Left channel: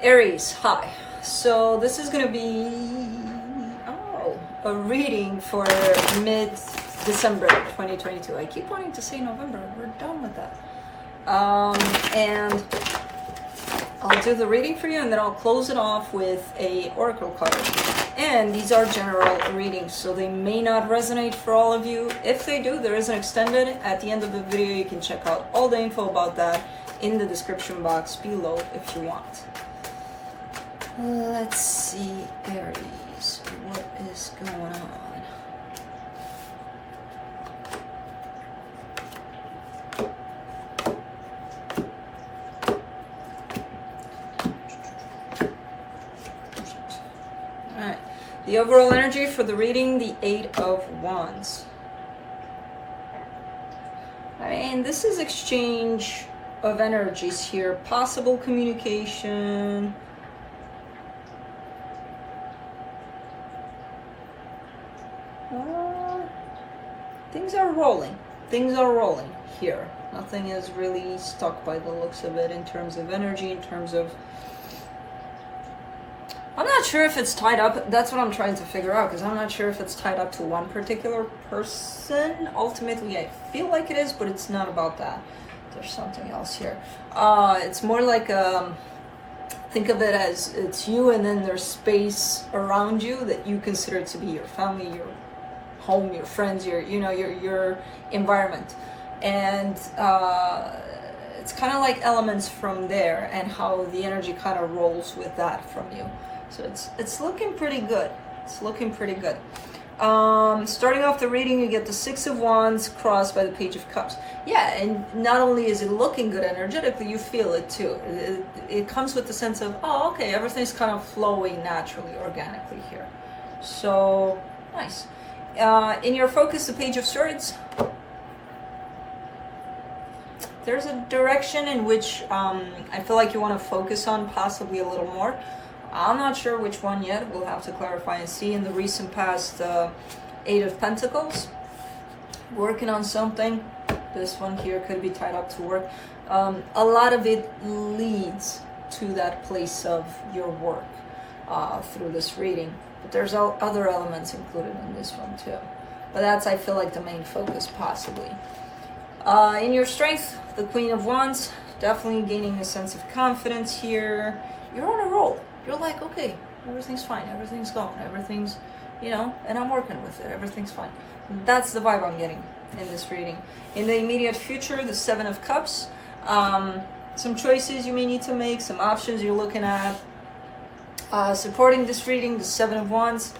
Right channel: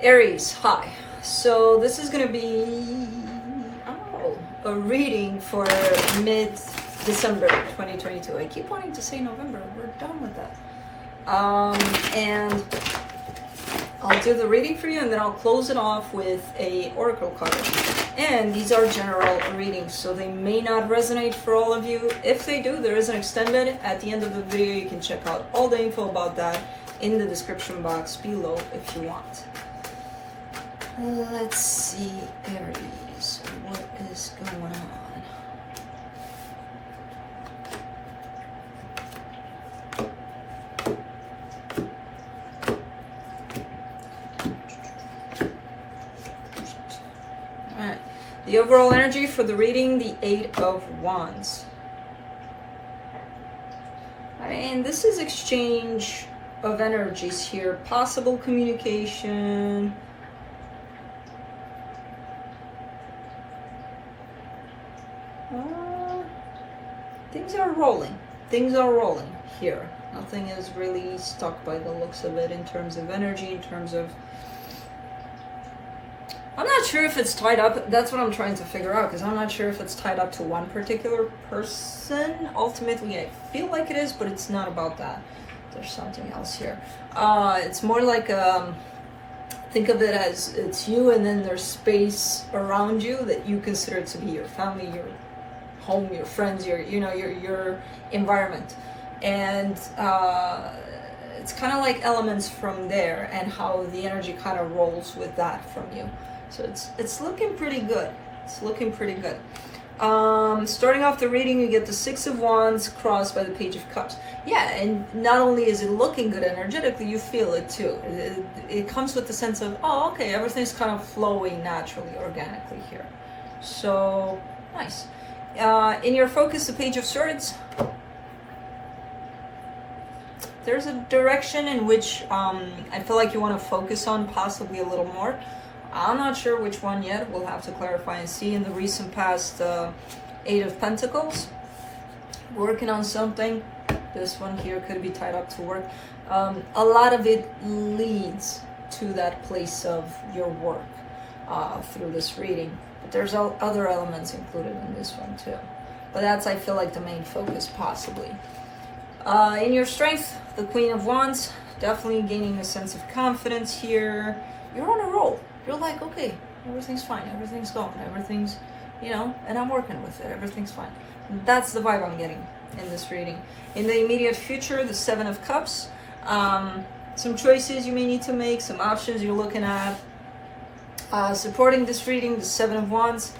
Aries, hi. So this is going to be a reading for mid-December 2022. I keep wanting to say November. We're done with that. And I'll do the reading for you, and then I'll close it off with a oracle card. And these are general readings, so they may not resonate for all of you. If they do, there is an extended. At the end of the video, you can check out all the info about that in the description box below if you want. Let's see, Aries, what is going on? Alright, the overall energy for the reading, the Eight of Wands. I mean, this is exchange of energies here, possible communication. Things are rolling. Things are rolling here. Nothing is really stuck by the looks of it in terms of energy, in terms of... I'm not sure if it's tied up. That's what I'm trying to figure out, because I'm not sure if it's tied up to one particular person. Ultimately, I feel like it is, but it's not about that. There's something else here. It's more like... think of it as it's you, and then there's space around you that you consider to be your family, your home, your friends, your environment. And it's kind of like elements from there, and how the energy kind of rolls with that from you. So it's looking pretty good. It's looking pretty good. Starting off the reading, you get the Six of Wands crossed by the Page of Cups. Yeah, and not only is it looking good energetically, you feel it too. It comes with the sense of, oh, okay, everything's kind of flowing naturally, organically here. So, nice. In your focus, the Page of Swords, there's a direction in which I feel like you want to focus on possibly a little more. I'm not sure which one yet. We'll have to clarify and see. In the recent past, Eight of Pentacles, working on something. This one here could be tied up to work. A lot of it leads to that place of your work through this reading. But there's other elements included in this one too. But that's, I feel like, the main focus possibly. In your strength, the Queen of Wands, definitely gaining a sense of confidence here. You're on a roll. You're like, okay, everything's fine, everything's going, everything's, and I'm working with it, everything's fine. That's the vibe I'm getting in this reading. In the immediate future, the Seven of Cups, some choices you may need to make, some options you're looking at. Supporting this reading, the Seven of Wands.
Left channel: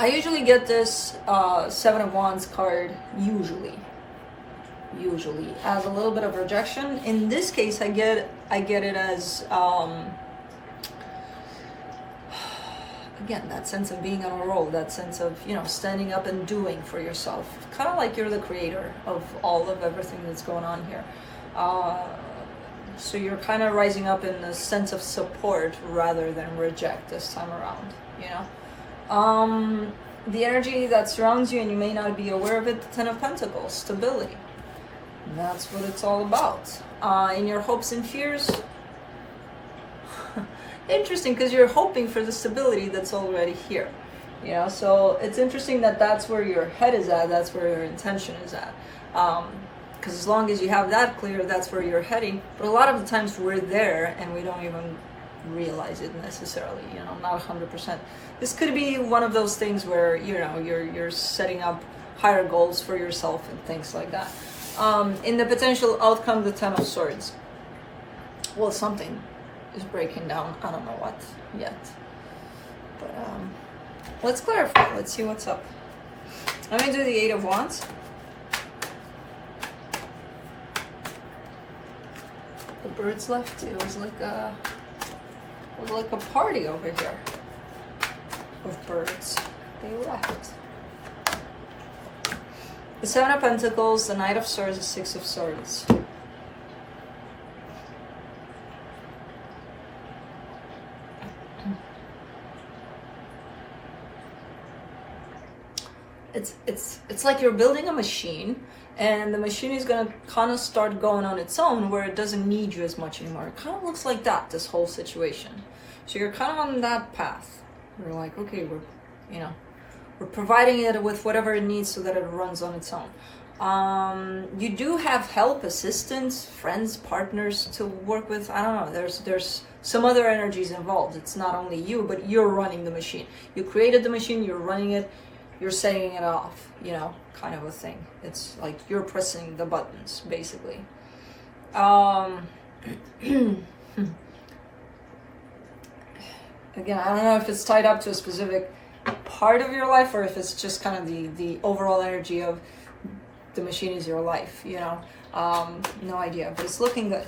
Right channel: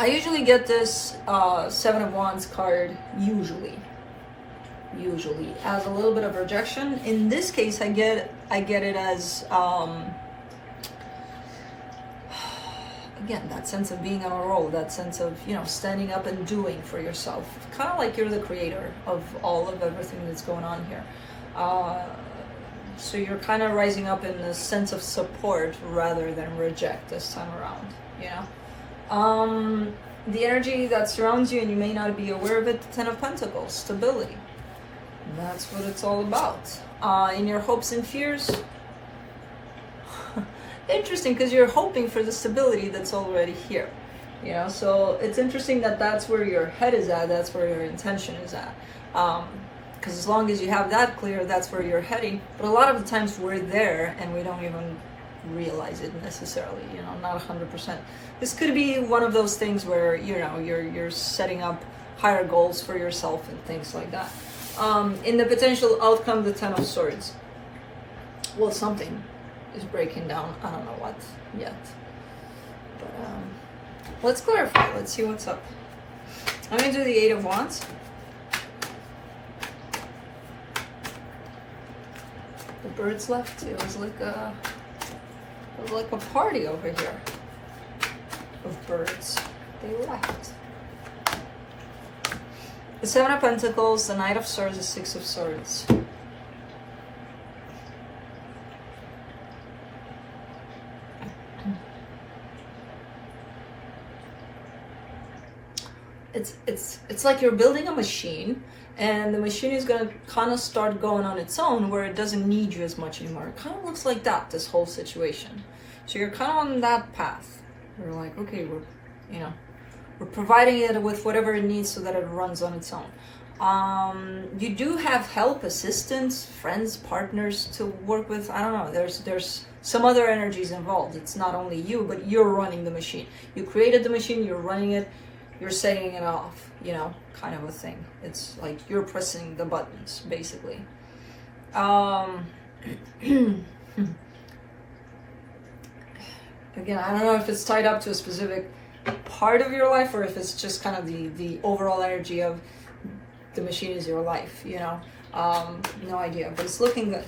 I usually get this Seven of Wands card, usually as a little bit of rejection. In this case, I get it as again, that sense of being on a roll, that sense of standing up and doing for yourself, kind of like you're the creator of all of everything that's going on here. So you're kind of rising up in the sense of support rather than reject this time around. The energy that surrounds you, and you may not be aware of it, the Ten of Pentacles, stability. That's what it's all about. In your hopes and fears, interesting, because you're hoping for the stability that's already here. So it's interesting that that's where your head is at, that's where your intention is at. Because as long as you have that clear, that's where you're heading. But a lot of the times we're there and we don't even realize it necessarily, not 100%. This could be one of those things where, you're setting up higher goals for yourself and things like that. In the potential outcome, the Ten of Swords. Well, something is breaking down. I don't know what yet. But let's clarify. Let's see what's up. I'm going to do the Eight of Wands. The birds left. It was like a party over here of birds. They left. The Seven of Pentacles, the Knight of Swords, the Six of Swords. It's like you're building a machine, and the machine is gonna kind of start going on its own, where it doesn't need you as much anymore. It kind of looks like that, this whole situation. So you're kind of on that path. We're like, okay, we're providing it with whatever it needs so that it runs on its own. You do have help, assistance, friends, partners to work with. I don't know, there's some other energies involved. It's not only you, but you're running the machine. You created the machine, you're running it, you're setting it off, you know, kind of a thing. It's like you're pressing the buttons, basically. Again, I don't know if it's tied up to a specific part of your life, or if it's just kind of the overall energy of the machine is your life, you know. No idea, but it's looking good.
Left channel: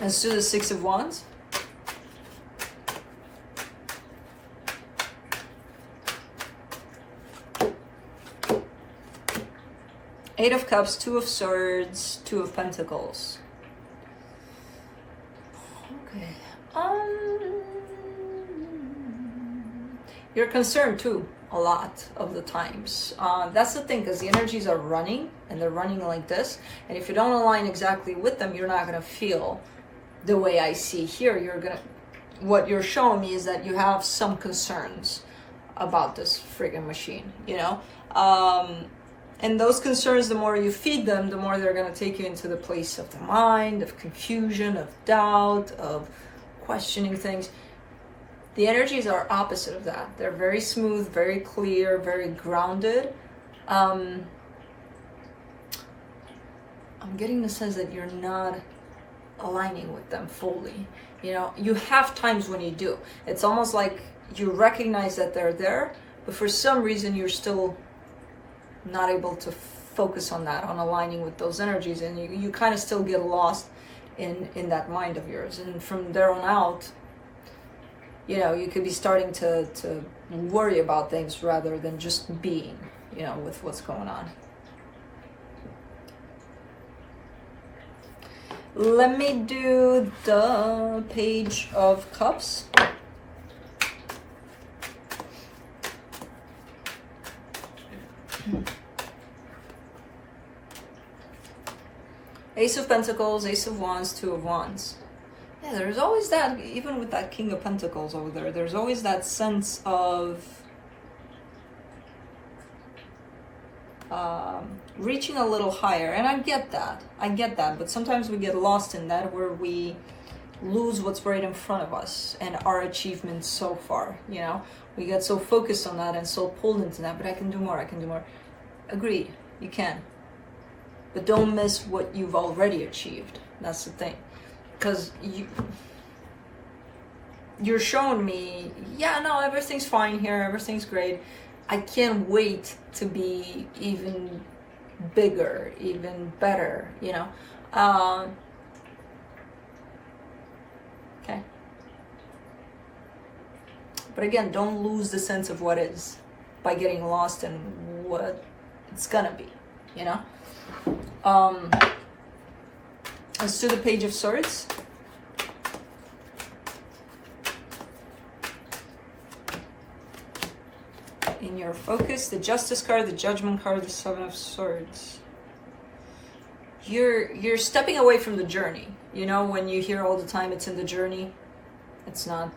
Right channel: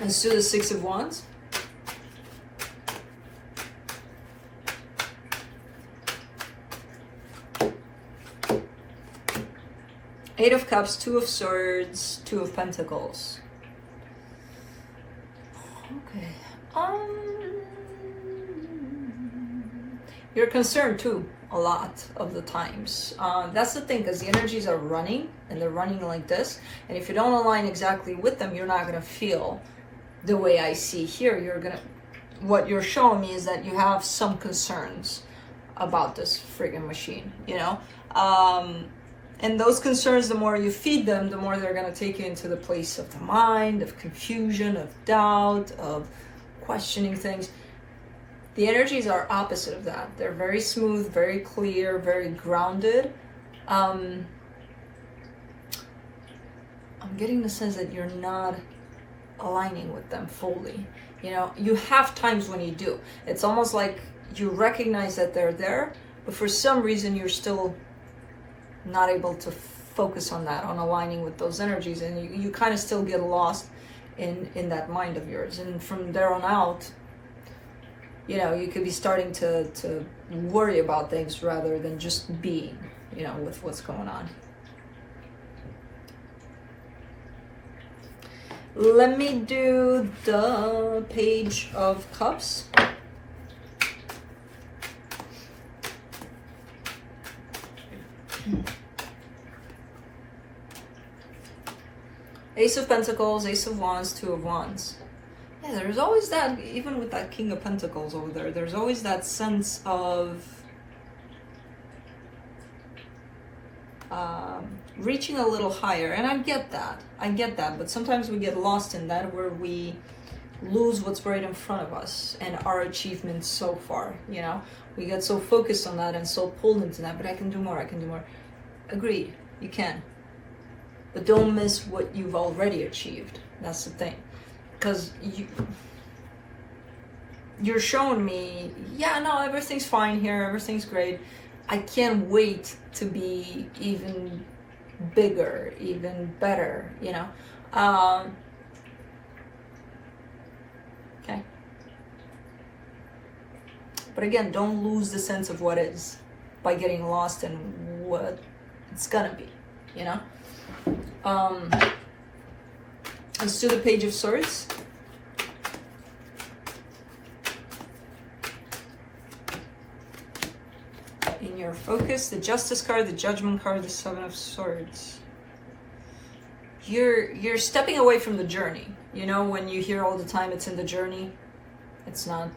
Let's do the Six of Wands. Eight of Cups, Two of Swords, Two of Pentacles. Okay. You're concerned too, a lot of the times. That's the thing, because the energies are running, and they're running like this. And if you don't align exactly with them, you're not gonna feel the way I see here. What you're showing me is that you have some concerns about this friggin' machine, you know? And those concerns, the more you feed them, the more they're going to take you into the place of the mind, of confusion, of doubt, of questioning things. The energies are opposite of that. They're very smooth, very clear, very grounded. I'm getting the sense that you're not aligning with them fully. You know, you have times when you do. It's almost like you recognize that they're there, but for some reason you're still not able to focus on that, on aligning with those energies, and you kind of still get lost in that mind of yours. And from there on out, you know, you could be starting to worry about things rather than just being, you know, with what's going on. Let me do the Page of Cups. Ace of Pentacles, Ace of Wands, Two of Wands. Yeah, there's always that, even with that King of Pentacles over there, there's always that sense of reaching a little higher. And I get that, but sometimes we get lost in that, where we lose what's right in front of us and our achievements so far, you know? We get so focused on that and so pulled into that, but I can do more. Agreed, you can. But don't miss what you've already achieved. That's the thing. Because you're showing me, yeah, no, everything's fine here, everything's great. I can't wait to be even bigger, even better, you know? Okay. But again, don't lose the sense of what is by getting lost in what it's gonna be, you know? Let's do the Page of Swords. In your focus, the Justice card, the Judgment card, the Seven of Swords. You're stepping away from the journey. You know, when you hear all the time it's in the journey, it's not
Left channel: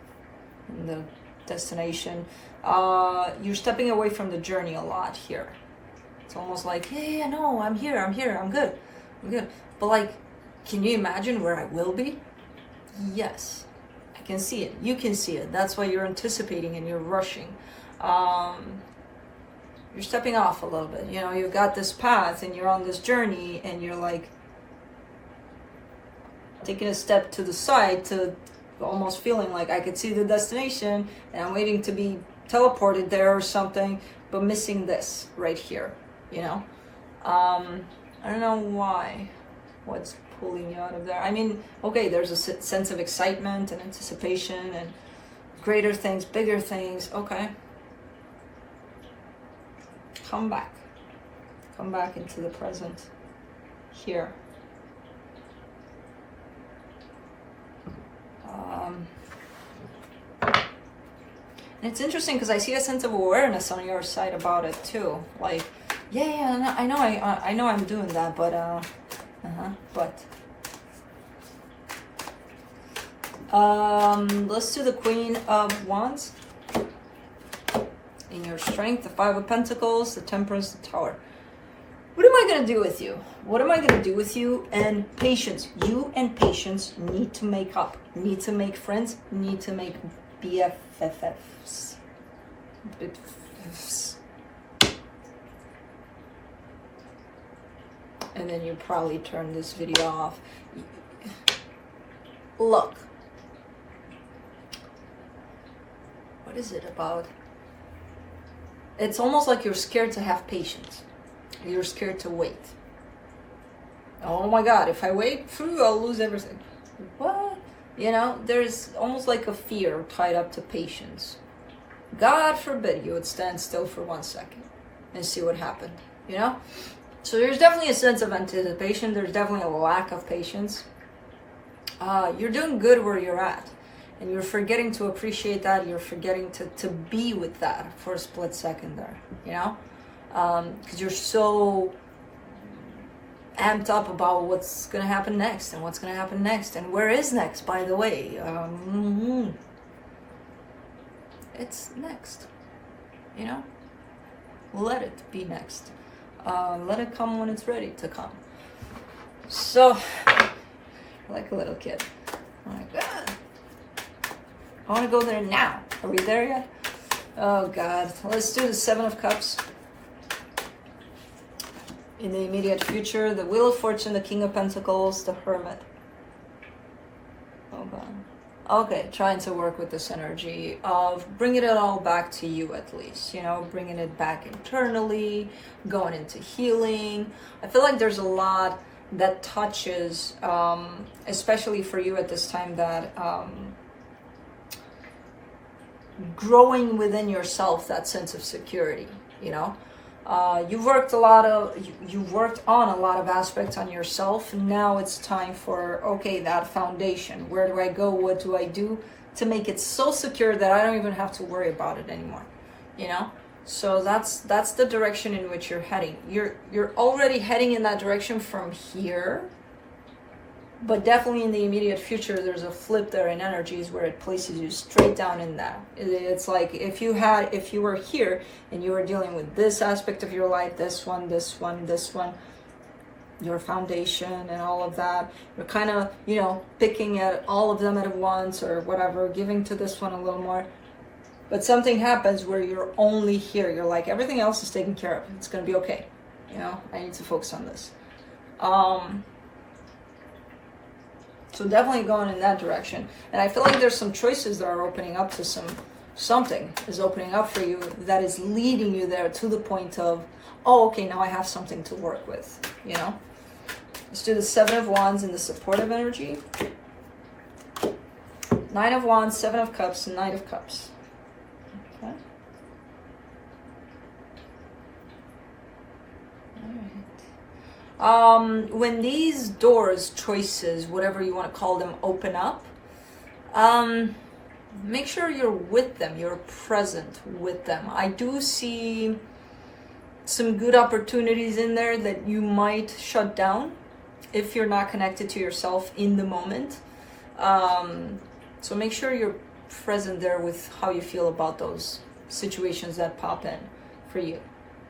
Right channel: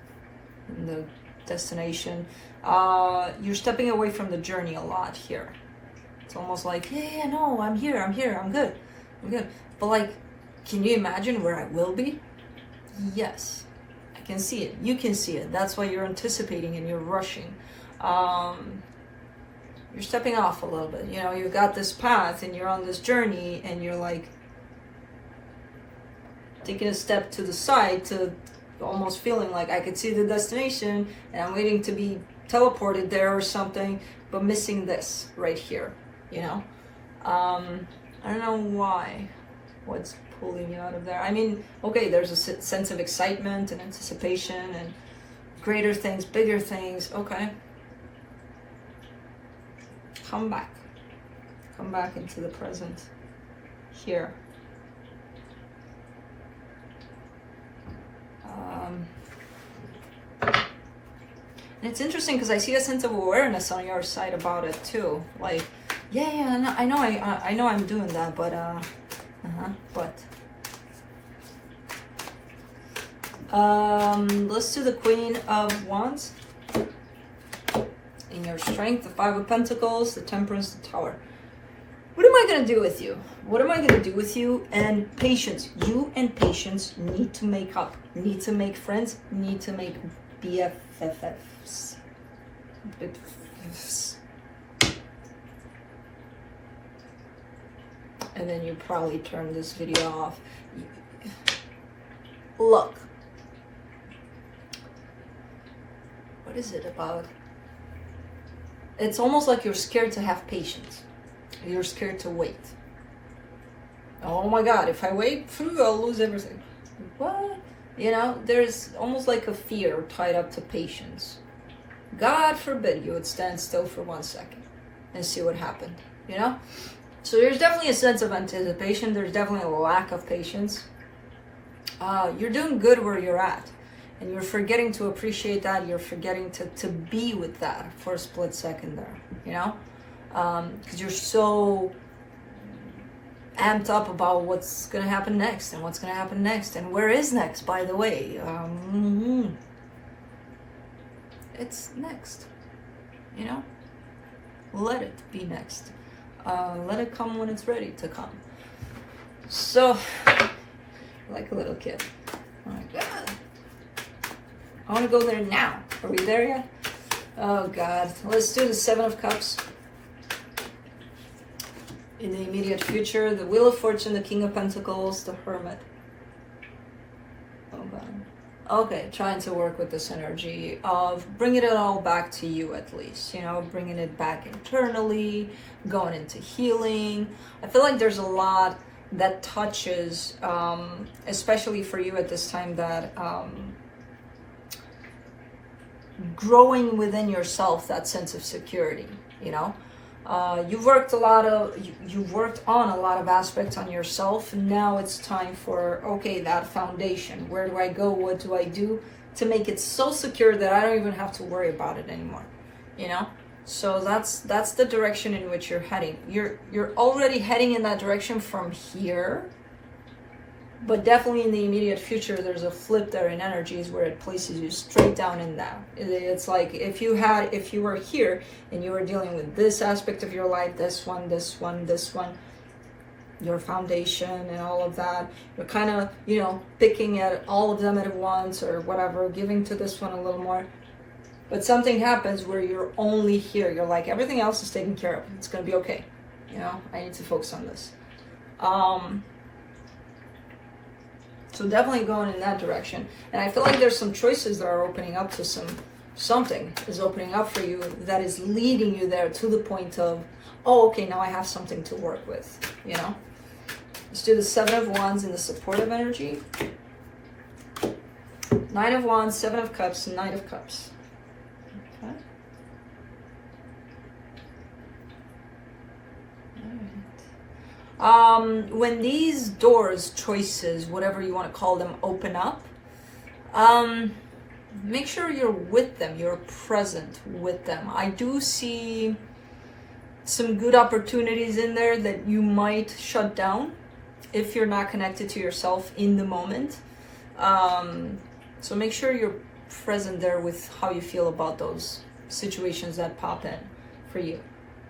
in the destination. You're stepping away from the journey a lot here. It's almost like, yeah, no, I'm here, I'm good. But like, can you imagine where I will be? Yes, I can see it. You can see it. That's why you're anticipating and you're rushing. You're stepping off a little bit. You know, you've got this path and you're on this journey, and you're like taking a step to the side, to almost feeling like I could see the destination and I'm waiting to be teleported there or something, but missing this right here, you know? I don't know why. What's pulling you out of there? I mean, okay, there's a sense of excitement and anticipation and greater things, bigger things. Okay. Come back into the present here. And it's interesting because I see a sense of awareness on your side about it too. Like, Yeah, I know, I know I'm doing that, but, let's do the Queen of Wands. In your strength, the Five of Pentacles, the Temperance, the Tower. What am I going to do with you? What am I going to do with you? And patience. You and patience need to make up. Need to make friends. Need to make BFFs. And then you probably turn this video off. Look. What is it about? It's almost like you're scared to have patience. You're scared to wait. Oh my God, if I wait, I'll lose everything. What? You know, there's almost like a fear tied up to patience. God forbid you would stand still for 1 second and see what happened, you know? So there's definitely a sense of anticipation. There's definitely a lack of patience. You're doing good where you're at. And you're forgetting to appreciate that. You're forgetting to be with that for a split second there, you know? Because you're so amped up about what's going to happen next and what's going to happen next. And where is next, by the way? It's next, you know? Let it be next. Let it come when it's ready to come. So, like a little kid. Oh my God. I want to go there now. Are we there yet? Oh God. Let's do the Seven of Cups. In the immediate future, the Wheel of Fortune, the King of Pentacles, the Hermit. Oh God. Okay, trying to work with this energy of bringing it all back to you at least. You know, bringing it back internally, going into healing. I feel like there's a lot that touches, especially for you at this time, that growing within yourself, that sense of security, you know. You've worked you've worked on a lot of aspects on yourself, and now it's time for, okay, that foundation. Where do I go? What do I do to make it so secure that I don't even have to worry about it anymore, you know? So that's the direction in which you're heading. You're already heading in that direction from here. But definitely in the immediate future, there's a flip there in energies where it places you straight down in that. It's like if you were here and you were dealing with this aspect of your life, this one, your foundation and all of that, you're kind of, you know, picking at all of them at once or whatever, giving to this one a little more. But something happens where you're only here. You're like, everything else is taken care of. It's going to be okay. You know, I need to focus on this. So definitely going in that direction. And I feel like there's some choices that are opening up to something is opening up for you that is leading you there to the point of, oh, okay, now I have something to work with, you know? Let's do the Seven of Wands in the supportive energy. Nine of Wands, Seven of Cups, and Knight of Cups. Okay. When these doors, choices, whatever you want to call them, open up, make sure you're with them, you're present with them. I do see some good opportunities in there that you might shut down if you're not connected to yourself in the moment. So make sure you're present there with how you feel about those situations that pop in for you.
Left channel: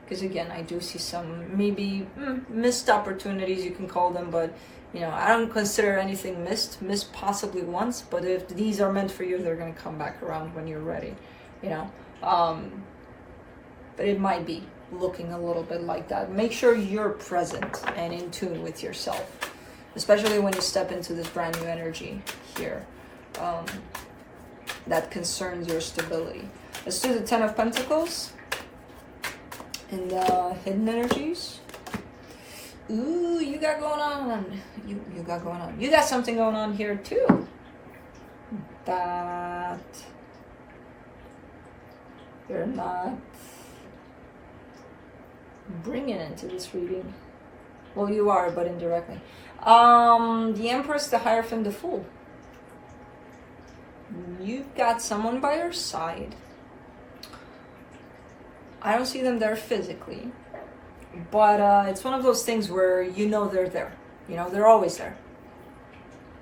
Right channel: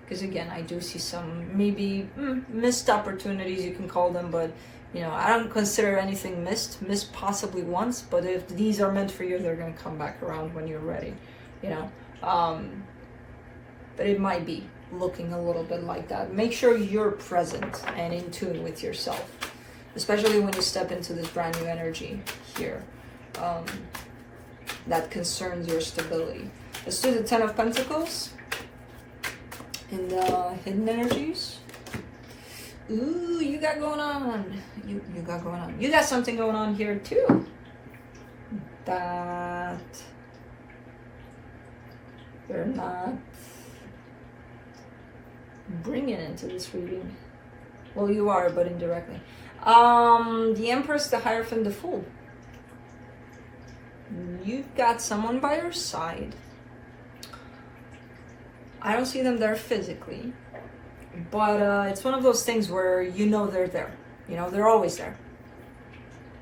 Because again, I do see some maybe missed opportunities, you can call them, but you know, I don't consider anything missed possibly once, but if these are meant for you, they're going to come back around when you're ready, you know. But it might be looking a little bit like that. Make sure you're present and in tune with yourself, especially when you step into this brand new energy here that concerns your stability. Let's do the Ten of Pentacles. In the hidden energies. Ooh, you got going on. You got going on. You got something going on here too. That you're not bringing into this reading. Well, you are, but indirectly. The Empress, the Hierophant, the Fool. You've got someone by your side. I don't see them there physically. But it's one of those things where you know they're there. You know, they're always there.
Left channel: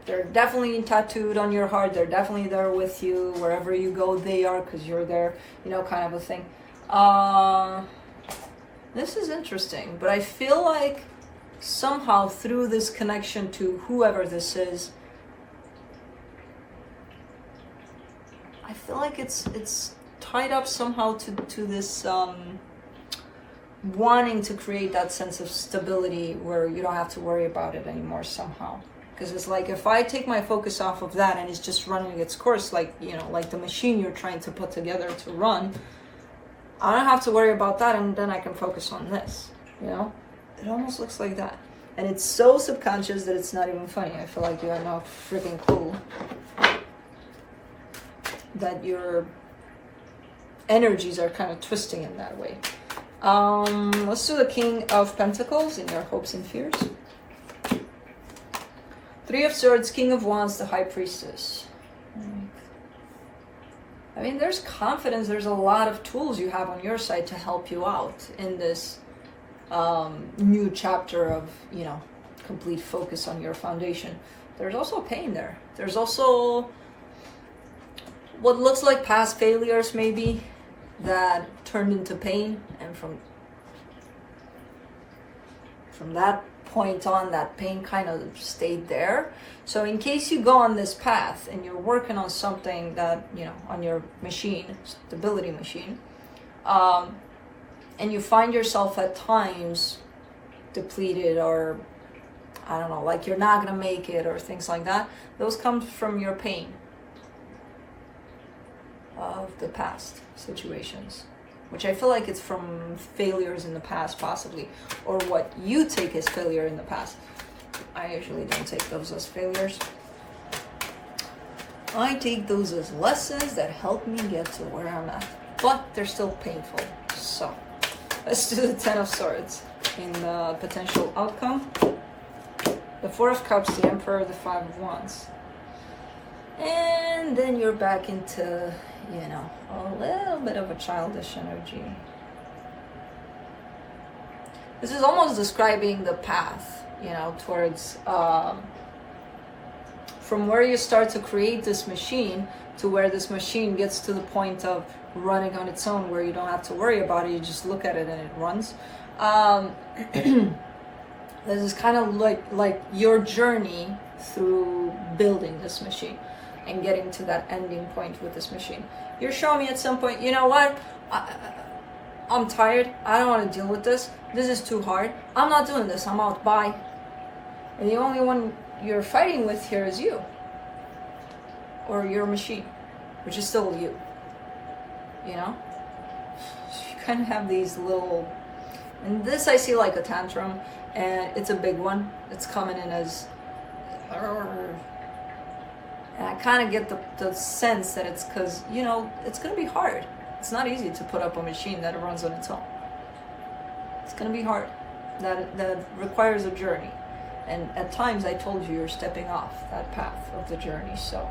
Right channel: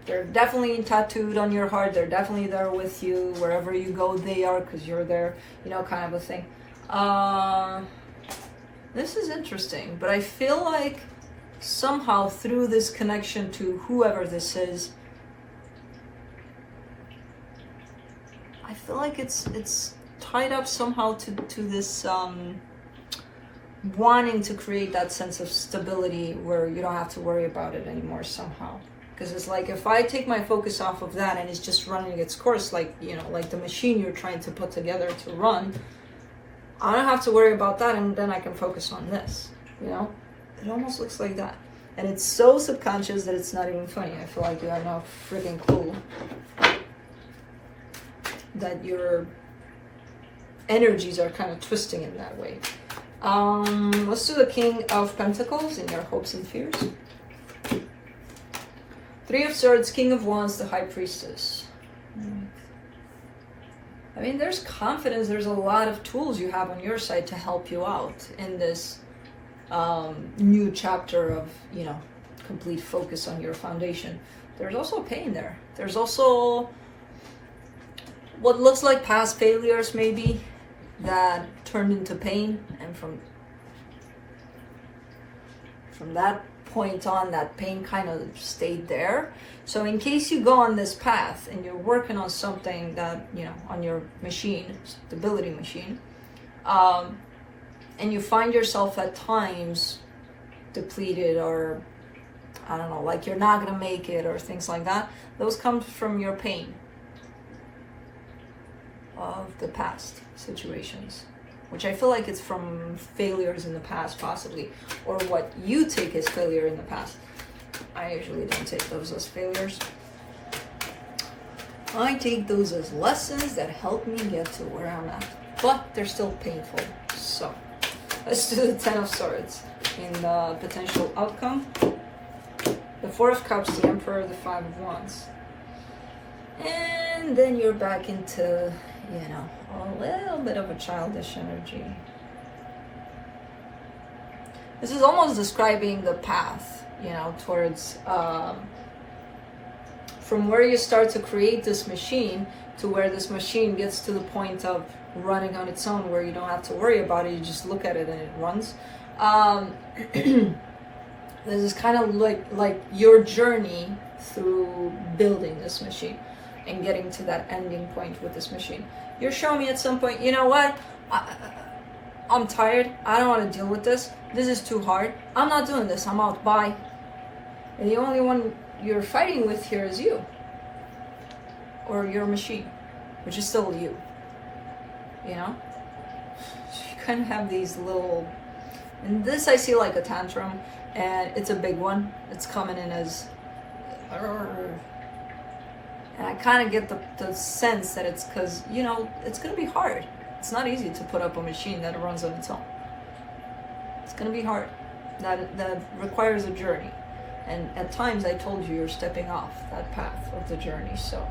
They're definitely tattooed on your heart. They're definitely there with you. Wherever you go, they are, because you're there, you know, kind of a thing. This is interesting, but I feel like somehow through this connection to whoever this is, I feel like it's tied up somehow to this wanting to create that sense of stability where you don't have to worry about it anymore somehow. Because it's like, if I take my focus off of that and it's just running its course, like, you know, like the machine you're trying to put together to run, I don't have to worry about that, and then I can focus on this, you know? It almost looks like that. And it's so subconscious that it's not even funny. I feel like you have no freaking clue that your energies are kind of twisting in that way. Let's do the King of Pentacles in your hopes and fears. Three of Swords, King of Wands, the High Priestess. I mean, there's confidence. There's a lot of tools you have on your side to help you out in this new chapter of, you know, complete focus on your foundation. There's also pain there. There's also what looks like past failures, maybe, that turned into pain. And from that point on, that pain kind of stayed there. So in case you go on this path and you're working on something that, you know, on your machine, stability machine, and you find yourself at times depleted, or I don't know, like you're not gonna make it, or things like that, those come from your pain of the past situations, which I feel like it's from failures in the past, possibly, or what you take as failure in the past. I usually don't take those as failures. I take those as lessons that help me get to where I'm at, but they're still painful. So let's do the Ten of Swords in potential outcome. The Four of Cups, the Emperor, the Five of Wands. And then you're back into, you know, a little bit of a childish energy. This is almost describing the path, you know, towards from where you start to create this machine to where this machine gets to the point of running on its own, where you don't have to worry about it. You just look at it and it runs. This is kind of like your journey through building this machine and getting to that ending point with this machine. You're showing me at some point, you know what? I'm tired. I don't want to deal with this. This is too hard. I'm not doing this. I'm out. Bye. And the only one you're fighting with here is you. Or your machine, which is still you. You know? You kind of have these little... And this I see like a tantrum. And it's a big one. It's coming in as... And I kind of get the sense that it's because, you know, it's going to be hard. It's not easy to put up a machine that runs on its own. It's going to be hard. That requires a journey. And at times, I told you, you're stepping off that path of the journey. So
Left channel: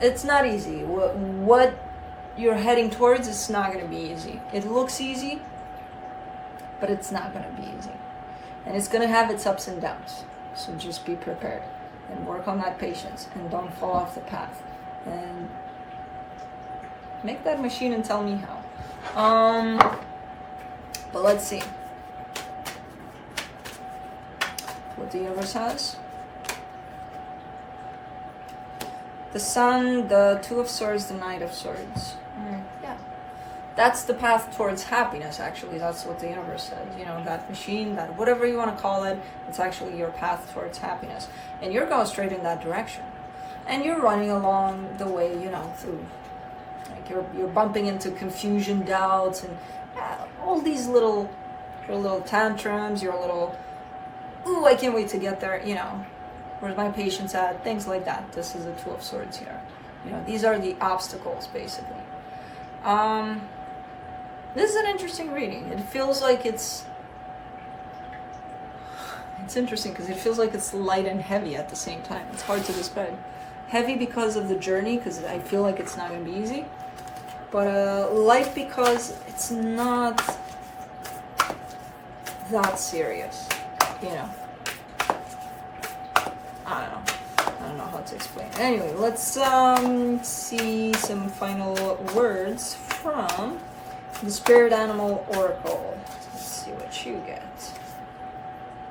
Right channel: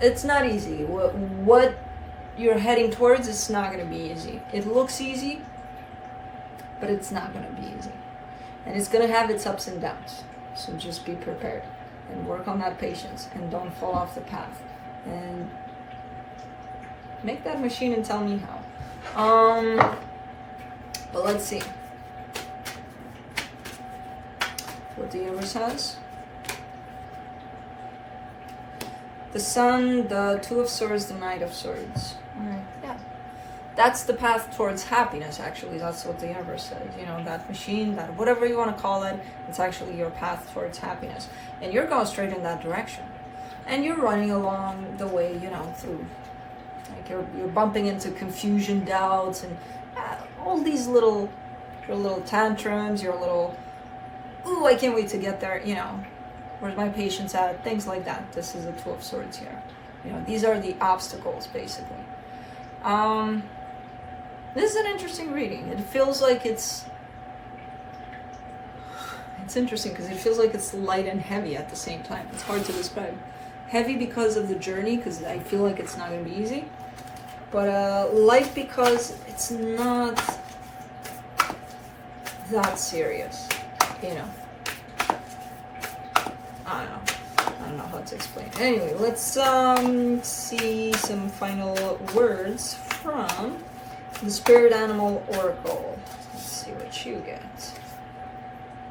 it's not easy. What you're heading towards, it's not going to be easy. It looks easy, but it's not going to be easy. And it's going to have its ups and downs. So just be prepared and work on that patience and don't fall off the path. And make that machine and tell me how. But let's see what the universe has. The Sun, the Two of Swords, the Knight of Swords. All right, yeah. That's the path towards happiness, actually. That's what the universe says. You know, that machine, that whatever you want to call it, it's actually your path towards happiness. And you're going straight in that direction. And you're running along the way, you know, through, like you're bumping into confusion, doubts, and all these your little tantrums, your little, ooh, I can't wait to get there, you know, where's my patience at, things like that. This is the Two of Swords here. You know, these are the obstacles, basically. This is an interesting reading. It feels like it's interesting because it feels like it's light and heavy at the same time. It's hard to describe. Heavy because of the journey, because I feel like it's not going to be easy. But light because it's not that serious, you know. I don't know how to explain. Anyway, let's see some final words from the Spirit Animal Oracle. Let's see what you get.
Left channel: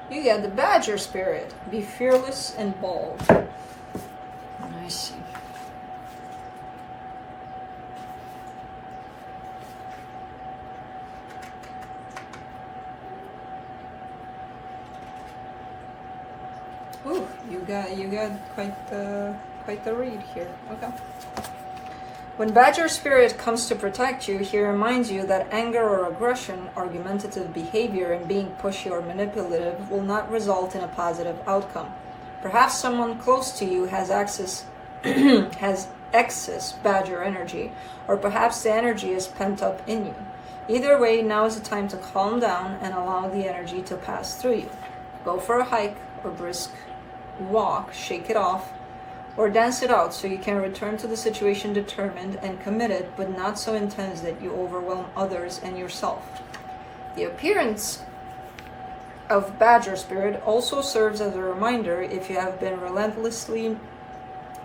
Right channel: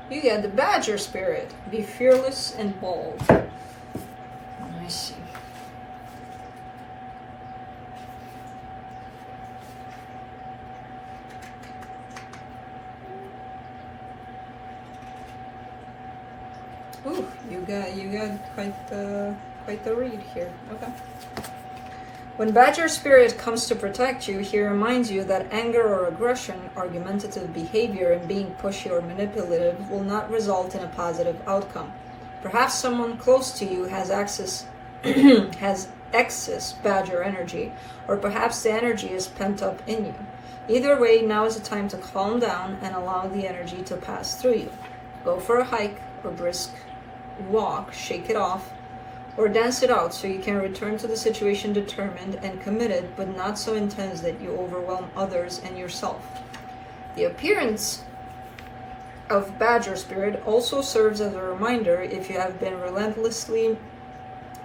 You get the Badger Spirit. Be fearless and bold. I see. Ooh, you got quite the read here. Okay. When Badger Spirit comes to protect you, he reminds you that anger or aggression, argumentative behavior, and being pushy or manipulative will not result in a positive outcome. Perhaps someone close to you has has excess Badger energy, or perhaps the energy is pent up in you. Either way, now is the time to calm down and allow the energy to pass through you. Go for a hike or brisk walk, shake it off, or dance it out so you can return to the situation determined and committed, but not so intense that you overwhelm others and yourself. The appearance of Badger Spirit also serves as a reminder if you have been relentlessly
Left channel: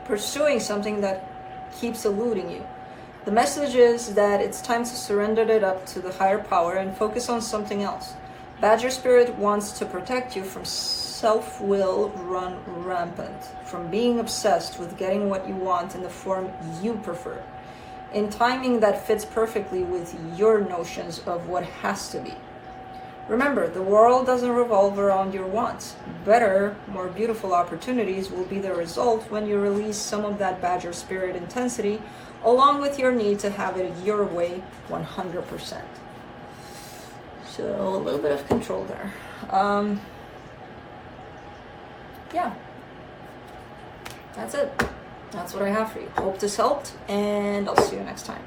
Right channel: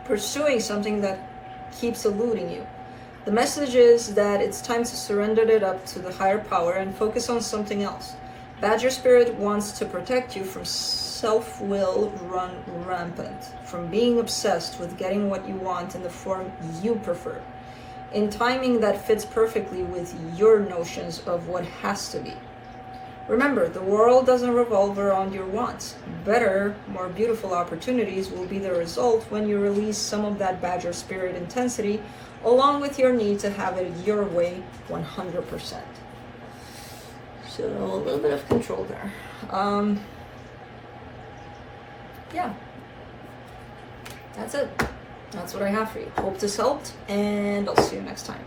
pursuing something that keeps eluding you. The message is that it's time to surrender it up to the higher power and focus on something else. Badger Spirit wants to protect you from self-will run rampant, from being obsessed with getting what you want in the form you prefer, in timing that fits perfectly with your notions of what has to be. Remember, the world doesn't revolve around your wants. Better, more beautiful opportunities will be the result when you release some of that Badger Spirit intensity, along with your need to have it your way 100%. So a little bit of control there. Yeah, that's it. That's what I have for you. Hope this helped, and I'll see you next time.